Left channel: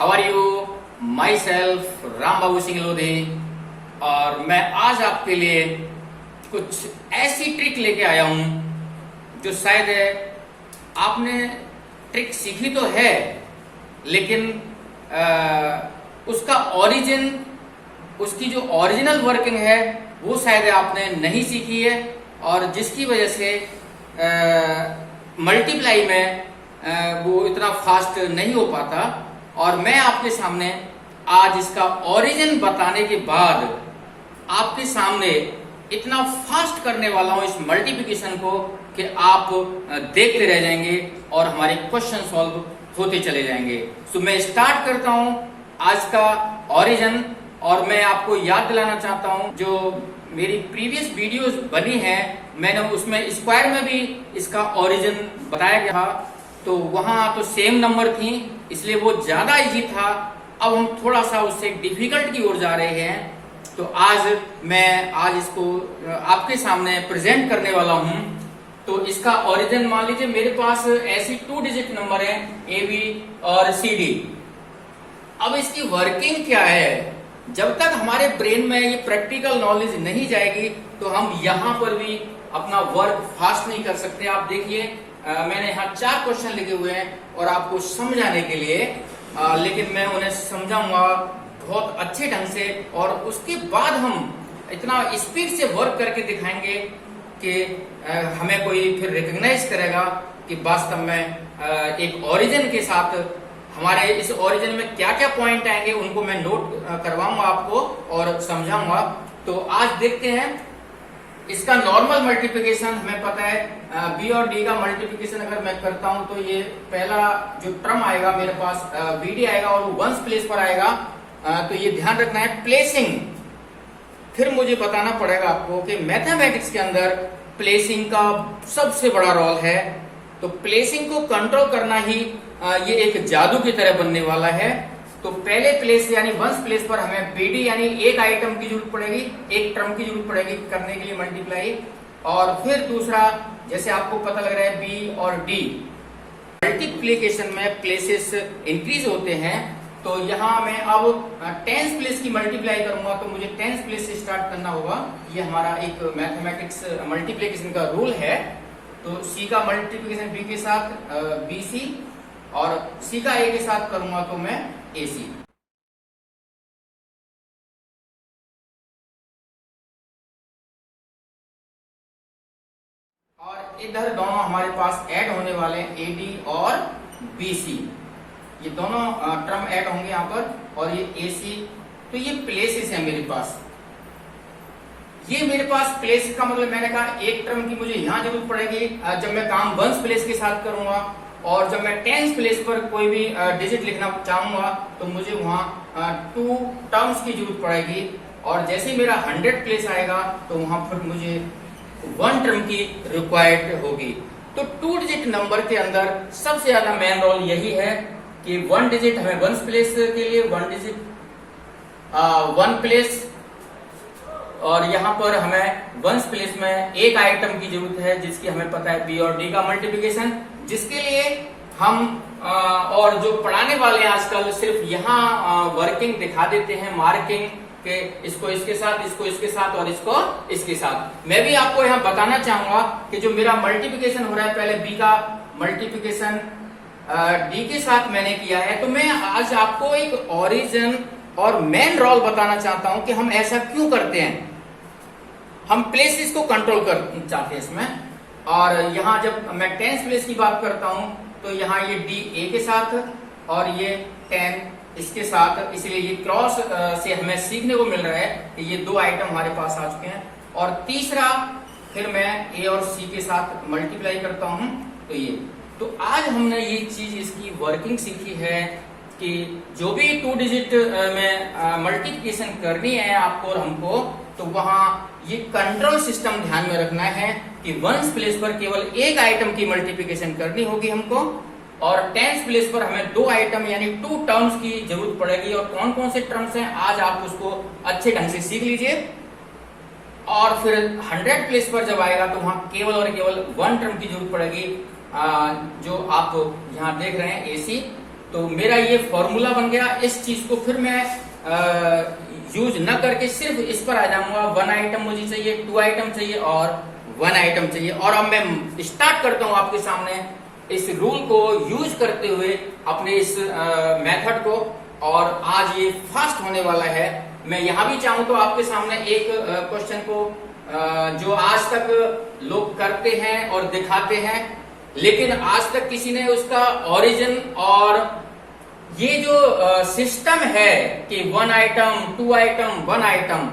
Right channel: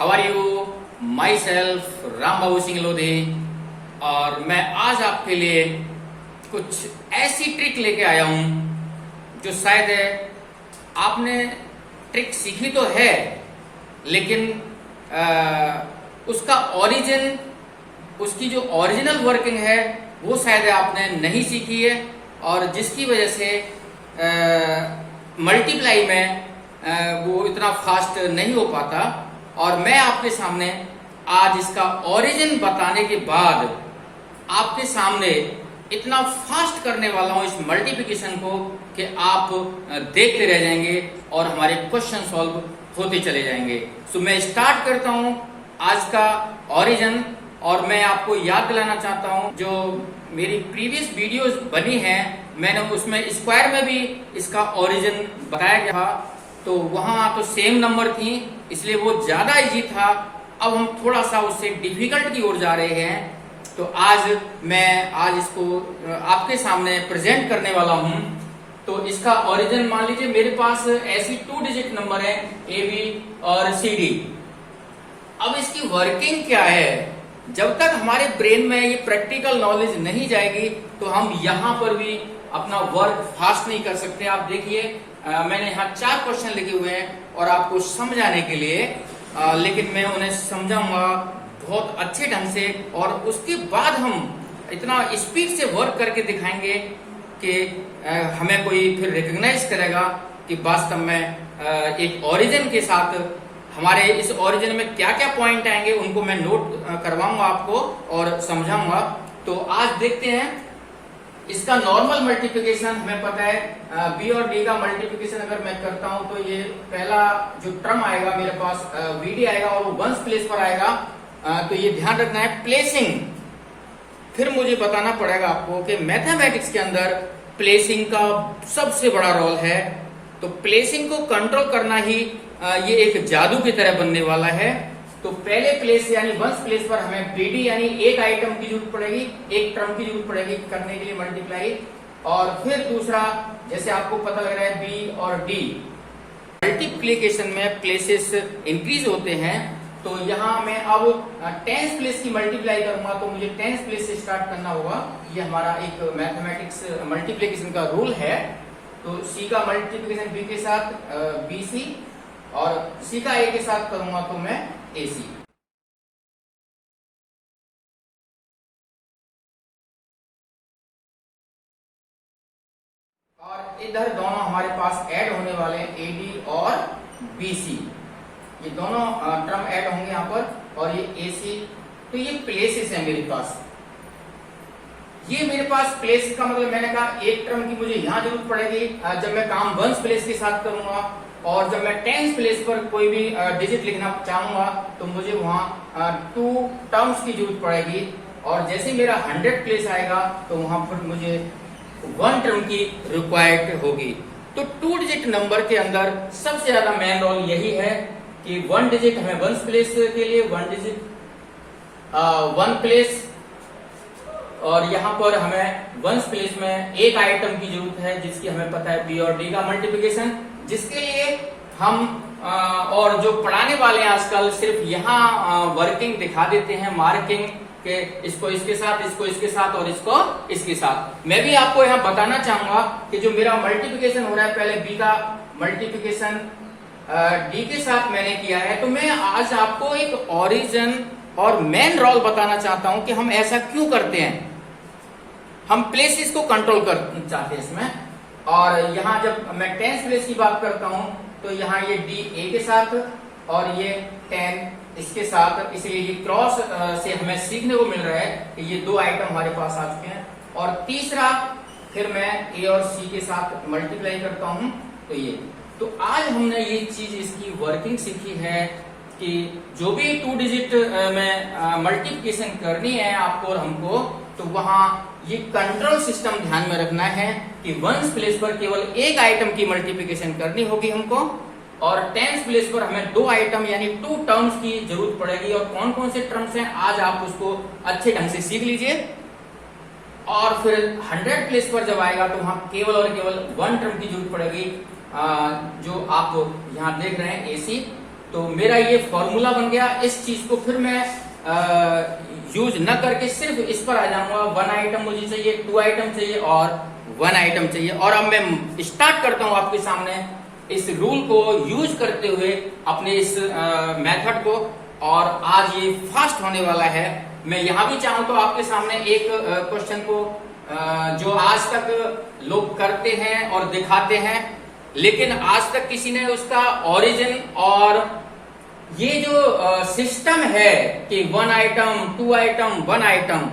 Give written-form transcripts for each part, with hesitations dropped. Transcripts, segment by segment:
How are you? Myself Ram Babu Singh Lodhi, और मैं आज आपके लिए कुछ ऐसी ट्रिक लेके आया हूं जो शायद आपने ट्रिक सीखी तो है, लेकिन उसका ओरिजिन, उसकी जो ओरिजिनल वर्किंग है वो शायद आपने नहीं सीखी है, और जिसकी वजह से मल्टीप्लाई में वो इतना फास्ट नहीं हो पाता। और मैं आपके सामने आज इसका ओरिजिन बताने के बाद आपके सामने इतना फास्ट करने वाला हूं इस मल्टीप्लिकेशन को कि आप देखते रह जाएंगे और हमारे क्वेश्चन सॉल्व होते चले जाएंगे। सो मैं स्टार्ट करता हूं आज का ओरिजिन, और मैं आपको याद दिलाना चाहता हूं जो मेरी प्रीवियस वीडियोस बनी हैं, मैंने उसमें स्क्वायर में भी इसका ओरिजिन बताया गया था, तो वहां तो सेम नंबर थी इसलिए वो ज्यादा इजी था। अब हम थोड़ा सा उससे डिफिकल्ट की ओर जा रहे हैं, तो आज इसको आपके सामने प्रेजेंट करने वाला हूं। तो इसका ओरिजिन मान लीजिए मेरे पास ऐसी 2 डिजिट नंबर है ए बी और सी डी। अब इसकी वर्किंग क्या है, जब तक हमारे ब्रेन में ये प्रैक्टिकल नॉलेज नहीं जाएगी तो हम यहाँ पर भी अपना वर्क फास्ट नहीं कर सकते। आप देखिए मैंने यहाँ 4 क्वेश्चन लिखे हुए हैं और आपको समझाने के लिए, लेकिन मैं उन्हें समझाऊंगा बहुत अच्छे ढंग से, और उसके बाद हम इतना स्पीड से वर्क करके दिखाएंगे कि हमें कोई फिर रिकॉग्नाइज करेगा कि वास्तव में एक ओरिजिन के साथ हमारे इस ओरिजिन में क्या क्या पॉइंट आएंगे उनको मैं नोट करवाऊंगा आपको और समझाऊंगा। तो आज देखते हैं इसका नॉर्मल मल्टीप्लिकेशन। हमें पता है बी और डी का मल्टीप्लिकेशन अगर मैं करता हूं तो ये पहला जो टर्म आएगा मेरे पास बी डी आएगा और वो वंस प्लेस पर आएगा, तो ये ध्यान रखना है। प्लेसिंग, फिर मुझे बताना पड़ेगा आपको कि मैथमेटिक्स के अंदर प्लेसिंग का सबसे बड़ा रोल है, तो प्लेसिंग को कंट्रोल करना ही ये एक जादू की तरह बनने वाला है। तो पहले प्लेस यानी वंस प्लेस पर हमें बीडी यानी एक आइटम की जरूरत पड़ेगी, एक टर्म की जरूरत पड़ेगी करने के लिए मल्टीप्लाई, और फिर दूसरा जैसे आपको पता लग रहा है बी और डी मल्टीप्लीकेशन में प्लेसेस इंक्रीज होते हैं। तो यहाँ मैं अब 10th प्लेस की मल्टीप्लाई करूंगा तो मुझे 10th प्लेस से स्टार्ट करना होगा। ये हमारा एक मैथमेटिक्स मल्टीप्लीकेशन का रूल है। तो सी का मल्टीप्लीकेशन बी के साथ बी सी, और सी का ए के साथ करूंगा तो मैं ए सी। और इधर दोनों हमारे पास ऐड होने वाले हैं ए डी और बी सी, ये दोनों टर्म ऐड होंगे यहाँ पर, और ये ए सी। तो ये प्लेसेस है मेरे पास। ये मेरे पास प्लेस का मतलब मैंने कहा एक टर्म की मुझे यहाँ जरूरत पड़ेगी जब मैं काम वंस प्लेस के साथ करूंगा, और जब मैं 10th प्लेस पर कोई भी डिजिट लिखना चाहूंगा तो मुझे वहां 2 टर्म्स की जरूरत पड़ेगी, और जैसे मेरा 100th प्लेस आएगा तो वहां पर मुझे 1 टर्म की रिक्वायर्ड होगी। तो 2 डिजिट नंबर के अंदर सबसे ज्यादा मेन रोल यही है कि 1 डिजिट हमें वंस प्लेस के लिए 1 डिजिट 1 प्लेस, और यहाँ पर हमें वंस प्लेस में एक आइटम की जरूरत है जिसकी हमें पता है बी और डी का मल्टीप्लिकेशन, जिसके लिए हम और जो पढ़ाने वाले आजकल सिर्फ यहाँ वर्किंग दिखा देते हैं, मार्किंग के इसको इसके साथ, इसको इसके साथ और इसको इसके साथ। मैं भी आपको यहाँ बताना चाहूंगा कि जो मेरा मल्टीप्लिकेशन हो रहा है, पहले बी का मल्टीप्लिकेशन डी के साथ मैंने किया है, तो मैं आज आपको एक ओरिजिन और मेन रोल बताना चाहता हूं कि हम ऐसा क्यों करते हैं। हम प्लेसेस को कंट्रोल कर चाहते हैं इसमें, और यहाँ जब मैं 10th प्लेस की बात करता हूं तो यहाँ ये डी ए के साथ और ये 10 इसके साथ, इसलिए ये क्रॉस से हमें सीखने को मिल रहा है कि ये 2 आइटम हमारे पास आ चुके हैं। और तीसरा फिर मैं ए और सी के साथ मल्टीप्लाई करता हूं, तो ये। तो आज हमने ये चीज इसकी वर्किंग सीखी है कि जो भी 2 डिजिट में मल्टीप्लिकेशन करनी है आपको और हमको, तो वहां ये कंट्रोल सिस्टम ध्यान में रखना है कि वंस प्लेस पर केवल एक आइटम की मल्टीप्लिकेशन करनी होगी हमको, और 10th प्लेस पर हमें 2 आइटम यानी 2 टर्म्स की जरूरत पड़ेगी। और कौन कौन से टर्म्स हैं आज आप उसको अच्छे ढंग से सीख लीजिए। और फिर 100th प्लेस पर जब आएगा तो वहां केवल और केवल 1 टर्म की जरूरत पड़ेगी, जो आप यहाँ देख रहे हैं AC। तो मेरा ये फॉर्मूला बन गया। इस चीज को फिर मैं यूज न करके सिर्फ इस पर आ जाऊंगा। 1 आइटम मुझे चाहिए, 2 आइटम चाहिए और 1 आइटम चाहिए। और अब मैं स्टार्ट करता हूं आपके सामने इस रूल को यूज करते हुए अपने इस मेथड को। और आज ये फास्ट होने वाला है। मैं यहां भी चाहूं तो आपके सामने एक क्वेश्चन को जो आज तक लोग करते हैं और दिखाते हैं, लेकिन आज तक किसी ने उसका ओरिजिन और ये जो सिस्टम है कि 1 आइटम, 2 आइटम, 1 आइटम,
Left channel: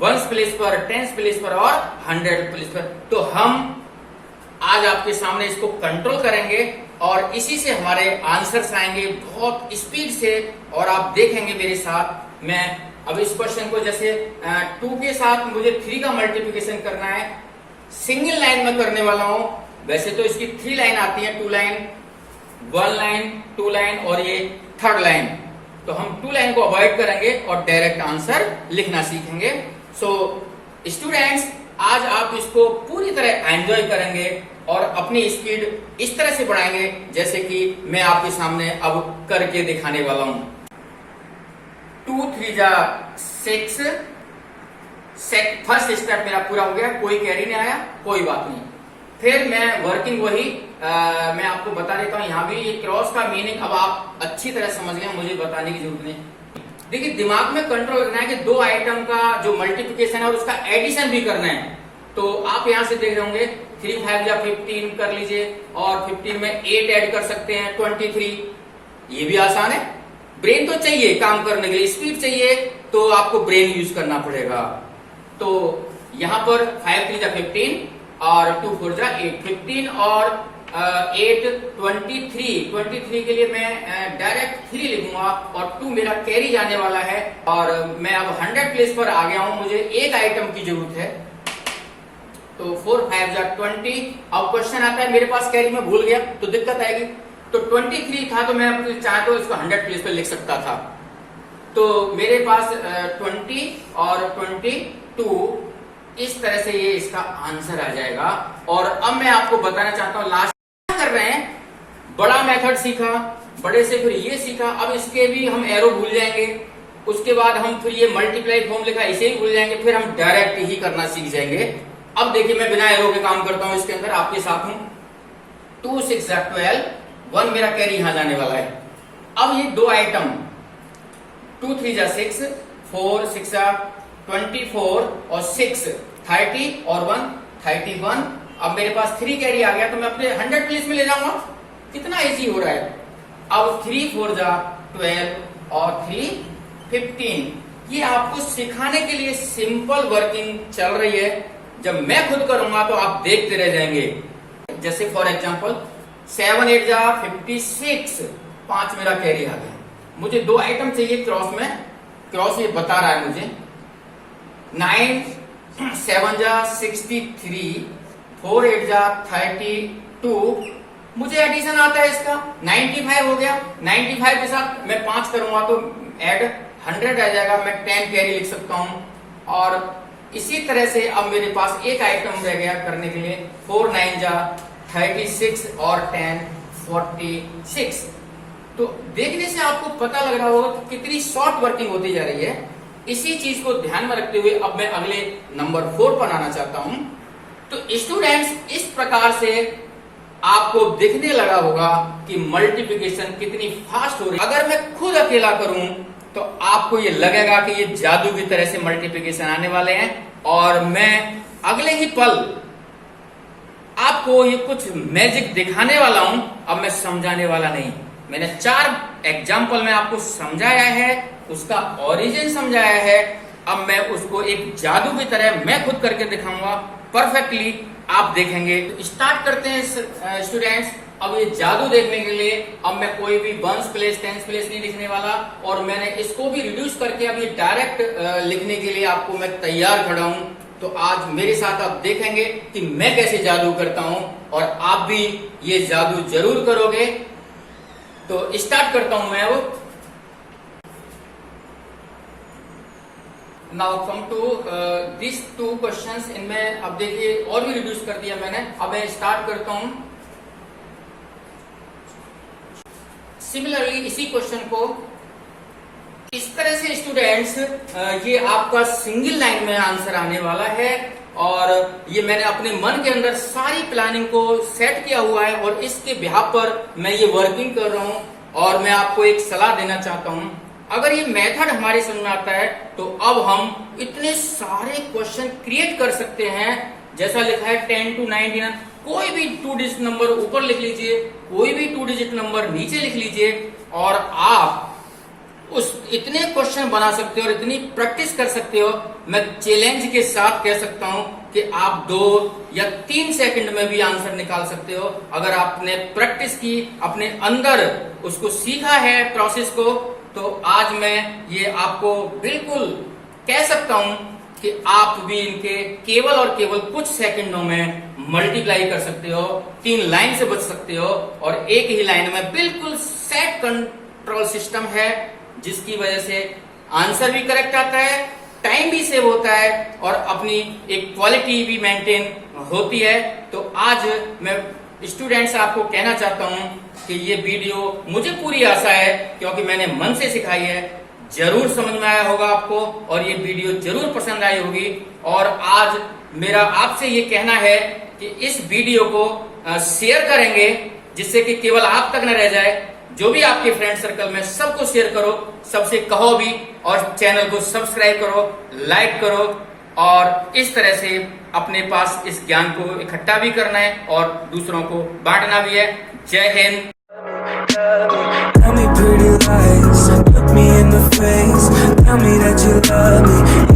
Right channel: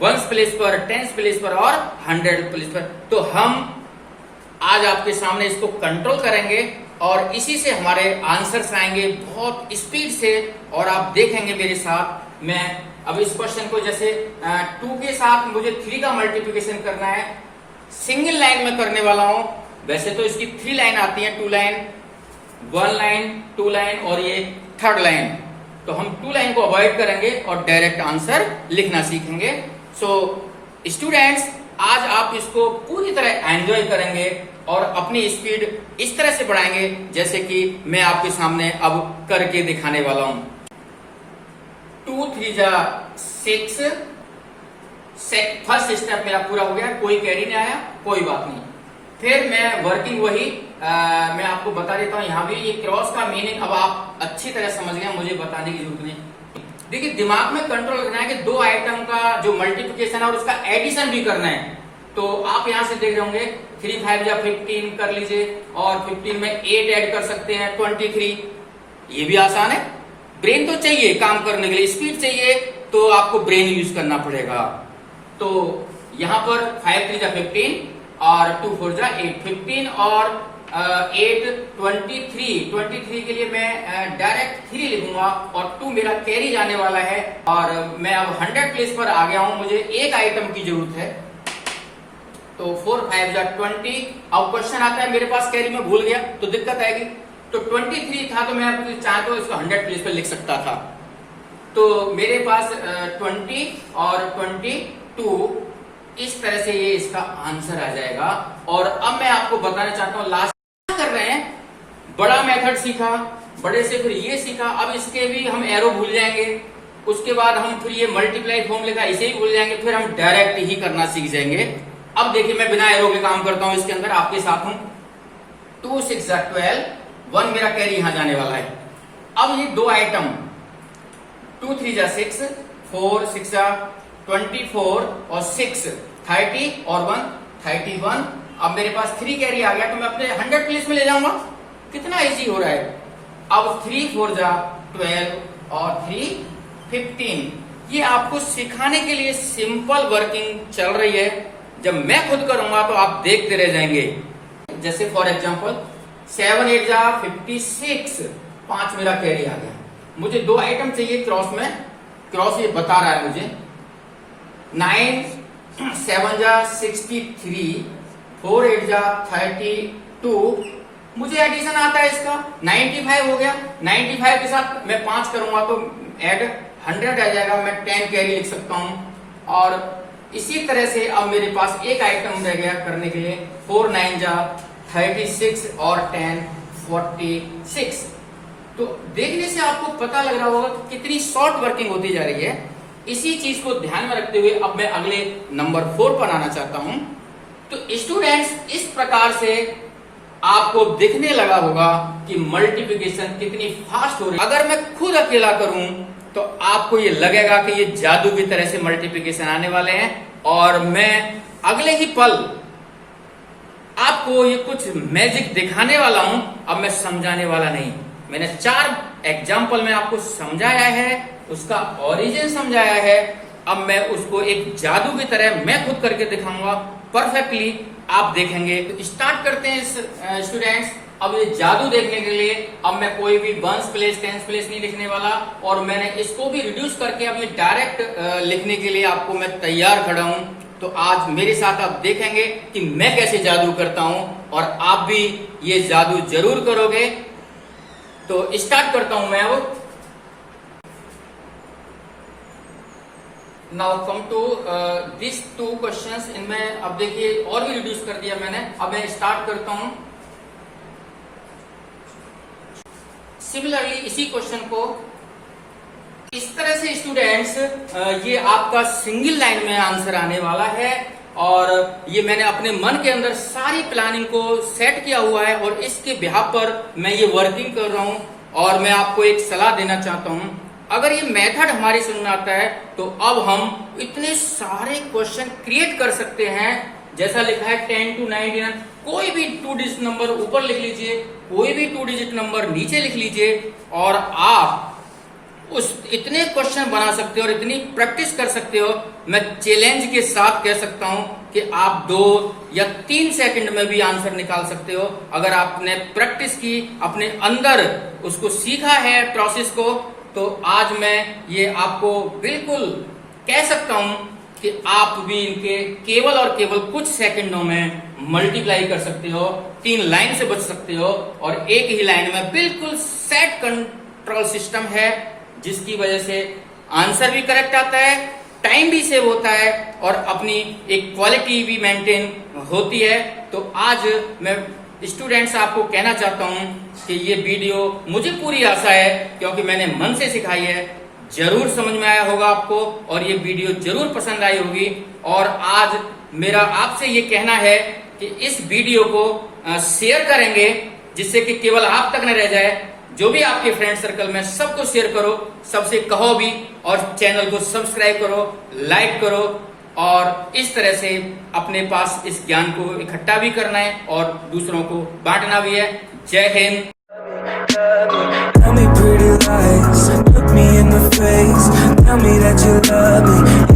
1 प्लेस पर, 10 प्लेस पर और 100 प्लेस पर, तो हम आज आपके सामने इसको कंट्रोल करेंगे और इसी से हमारे आंसर्स आएंगे बहुत स्पीड से। और आप देखेंगे मेरे साथ, मैं अब इस क्वेश्चन को जैसे 2 के साथ मुझे 3 का मल्टीप्लिकेशन करना है, सिंगल लाइन में करने वाला हूं। वैसे तो इसकी 3 लाइन आती है, 2 लाइन, 1 लाइन, 2 लाइन और ये 3rd लाइन। तो हम 2 लाइन को अवॉइड करेंगे और डायरेक्ट आंसर लिखना सीखेंगे। सो स्टूडेंट्स, आज आप इसको पूरी तरह एंजॉय करेंगे और अपनी स्पीड इस तरह से बढ़ाएंगे जैसे कि मैं आपके सामने अब करके दिखाने वाला हूं। 2 3 जा 6, फर्स्ट स्टेप मेरा पूरा हो गया, कोई कैरी नहीं आया, कोई बात नहीं। फिर मैं वर्किंग वही मैं आपको बता देता हूं। यहां भी ये क्रॉस का मीनिंग अब आप अच्छी तरह समझ गए, मुझे बताने की जरूरत नहीं। देखिए, दिमाग में कंट्रोल रखना है कि 2 आइटम का जो मल्टीप्लिकेशन है और उसका एडिशन भी करना है। तो आप यहां से देख रहे होंगे 3 5 या 15 कर लीजिए और 15 में 8 ऐड कर सकते हैं, 23। ये भी आसान है। ब्रेन तो चाहिए काम करने के लिए, स्पीड चाहिए, तो आपको ब्रेन यूज करना पड़ेगा। तो यहां पर 5 3 जा 15 और 2 4 जा 8, 15 और 8 23 के लिए मैं डायरेक्ट 3 लिखूंगा और 2 मेरा कैरी जाने वाला है। और मैं अब 100 प्लेस पर आ गया हूं, मुझे एक आइटम की जरूरत है। तो 4 5 जा 20। अब क्वेश्चन आता है, मेरे पास कैरी में भूल गया तो दिक्कत आएगी। तो 23 था तो मैं चाहे तो इसको 100 प्लेस पर लिख सकता था। तो मेरे पास 20 और 22 इस तरह से ये इसका आंसर आ जाएगा। और अब मैं आपको बताना चाहता हूं, लास्ट कर रहे हैं, बड़ा मेथड सीखा, बड़े से फिर ये सीखा, अब इसके भी हम एरो भूल जाएंगे। उसके बाद हम फिर ये मल्टीप्लाई फॉर्म लिखा, इसे ही भूल जाएंगे, फिर हम डायरेक्ट ही करना सीख जाएंगे। अब देखिए, मैं बिना एरो के काम करता हूं, इसके अंदर आपके साथ हूं। 2 6 जा 12, 1 मेरा कैरी यहां जाने वाला है। अब ये 2 आइटम, 2 3 जा 6, 4 6 जा 24 और 6 30 और 1 31। अब मेरे पास 3 कैरी आ गया तो मैं अपने 100 प्लेस में ले जाऊंगा। कितना इजी हो रहा है। अब 3 4 जा 12 और 3 15। ये आपको सिखाने के लिए सिंपल वर्किंग चल रही है। जब मैं खुद करूंगा तो आप देखते रह जाएंगे। जैसे फॉर एग्जांपल 7 8 जा 56, 5 मेरा कैरी आ गया। मुझे 2 आइटम चाहिए क्रॉस में, क्रॉस ये बता रहा है मुझे। 9 7 जा 63, 4 8 जा 32। मुझे एडिशन आता है इसका, 95 हो गया। 95 के साथ मैं 5 करूंगा तो ऐड 100 आ जाएगा। मैं 10 कैरी लिख सकता हूं। और इसी तरह से अब मेरे पास एक आइटम रह गया करने के लिए। 4 9 जा 36 और 10 46। तो देखने से आपको पता लग रहा होगा कि कितनी शॉर्ट वर्किंग होती जा रही है। इसी चीज को ध्यान में रखते हुए अब मैं अगले नंबर 4 पर आना चाहता हूं। तो स्टूडेंट्स, इस प्रकार से आपको दिखने लगा होगा कि मल्टीप्लिकेशन कितनी फास्ट हो रही है। अगर मैं खुद अकेला करूं तो आपको ये लगेगा कि ये जादू की तरह से मल्टीप्लिकेशन आने वाले हैं और मैं अगले ही पल आपको ये कुछ मैजिक दिखाने वाला हूं। अब मैं समझाने वाला नहीं, मैंने 4 एग्जाम्पल में आपको समझाया है, उसका ओरिजिन समझाया है। अब मैं उसको एक जादू की तरह मैं खुद करके दिखाऊंगा परफेक्टली, आप देखेंगे। तो स्टार्ट करते हैं स्टूडेंट्स। अब ये जादू देखने के लिए अब मैं कोई भी 1 प्लेस 10 प्लेस नहीं लिखने वाला और मैंने इसको भी रिड्यूस करके अब ये डायरेक्ट लिखने के लिए आपको मैं तैयार खड़ा हूं। तो आज मेरे साथ आप देखेंगे कि मैं कैसे जादू करता हूं और आप भी ये जादू जरूर करोगे। तो स्टार्ट करता हूं मैं अब। Now come to this 2 questions. इनमें अब देखिए और भी रिड्यूस कर दिया मैंने। अब मैं स्टार्ट करता हूं। सिमिलरली इसी क्वेश्चन को इस तरह से स्टूडेंट्स, ये आपका सिंगल लाइन में आंसर आने वाला है और ये मैंने अपने मन के अंदर सारी प्लानिंग को सेट किया हुआ है और इसके बिहाफ पर मैं ये वर्किंग कर रहा हूँ। और मैं आपको एक सलाह देना चाहता हूँ, अगर ये मेथड हमारी समझ में आता है तो अब हम इतने सारे क्वेश्चन क्रिएट कर सकते हैं। जैसा लिखा है 10 to 99, कोई भी 2 डिजिट नंबर ऊपर लिख लीजिए, कोई भी 2 डिजिट नंबर नीचे लिख लीजिए और आप उस इतने क्वेश्चन बना सकते हो और इतनी प्रैक्टिस कर सकते हो। मैं चैलेंज के साथ कह सकता हूं कि आप 2 या 3 सेकंड में भी आंसर निकाल सकते हो अगर आपने प्रैक्टिस की, अपने अंदर उसको सीखा है प्रोसेस को। तो आज मैं ये आपको बिल्कुल कह सकता हूं कि आप भी इनके केवल और केवल कुछ सेकंडों में मल्टीप्लाई कर सकते हो, 3 लाइन से बच सकते हो और एक ही लाइन में बिल्कुल सेट कंट्रोल सिस्टम है जिसकी वजह से आंसर भी करेक्ट आता है, टाइम भी सेव होता है और अपनी एक क्वालिटी भी मेंटेन होती है। तो आज मैं स्टूडेंट्स आपको कहना चाहता हूं कि ये वीडियो मुझे पूरी आशा है, क्योंकि मैंने मन से सिखाई है, जरूर समझ में आया होगा आपको और ये वीडियो जरूर पसंद आई होगी। और आज मेरा आपसे ये कहना है कि इस वीडियो को शेयर करेंगे जिससे कि केवल आप तक न रह जाए, जो भी आपके फ्रेंड सर्कल में सबको शेयर करो, सबसे कहो भी और चैनल को सब्सक्राइब करो, लाइक करो और इस तरह से अपने पास इस ज्ञान को इकट्ठा भी करना है और दूसरों को बांटना भी है। जय Hind. Tell me pretty lies, look me in the face, tell me that you love me.